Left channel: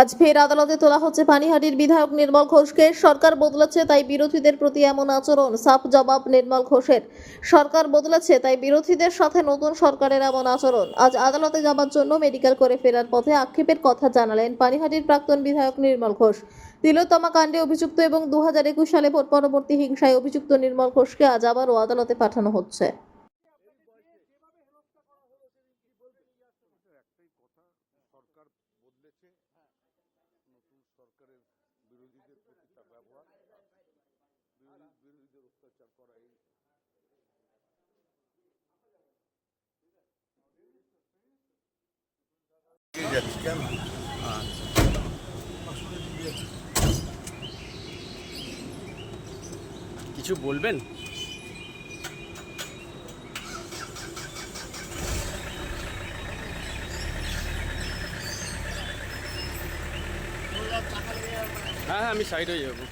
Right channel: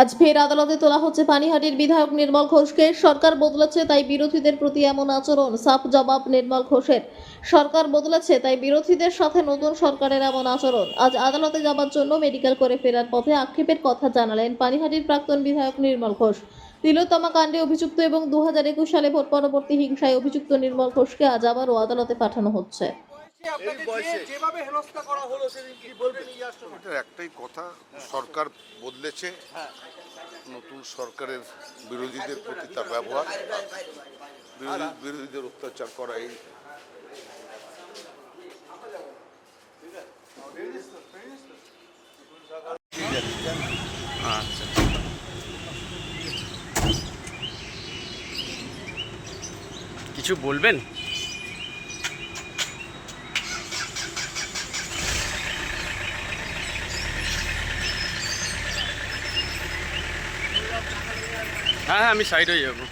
আজ ফের আদালতে তোলা হচ্ছে পানিহাটির বিধায়ক নির্মল ঘোষকে। সরকার বদলেছে তাই বিরোধীদের প্রতি এমন আচরণ। সাফ জবাব নির্মল ঘোষের। সরকার বদলেছে তাই বিরোধীদের সাথে নতুন সরকারের এমন আচরণ। আজ আদালতে যাবার জন্য মেডিকেল করে ফেরার পথে আক্ষেপের কথা জানালেন পানিহাটির প্রাক্তন বিধায়ক নির্মল ঘোষ। তিলোত্তমা কাণ্ডে অভিযুক্ত এবং 2021 সালে ভোট পরবর্তী হিংসায় অভিযুক্ত নির্মল ঘোষকে আজ আবারও আদালতে পাঠানো হচ্ছে। এটার একটাই কথা, সরকার বদলেছে, নতুন সরকারের বিরোধীদের প্রতি তার ব্যবহার, বিরোধীদের অত্যাচার করা, এই আচ্ছা, কিছু বলবেন? হ্যাঁ, আমি সাইড হয়ে যাবো।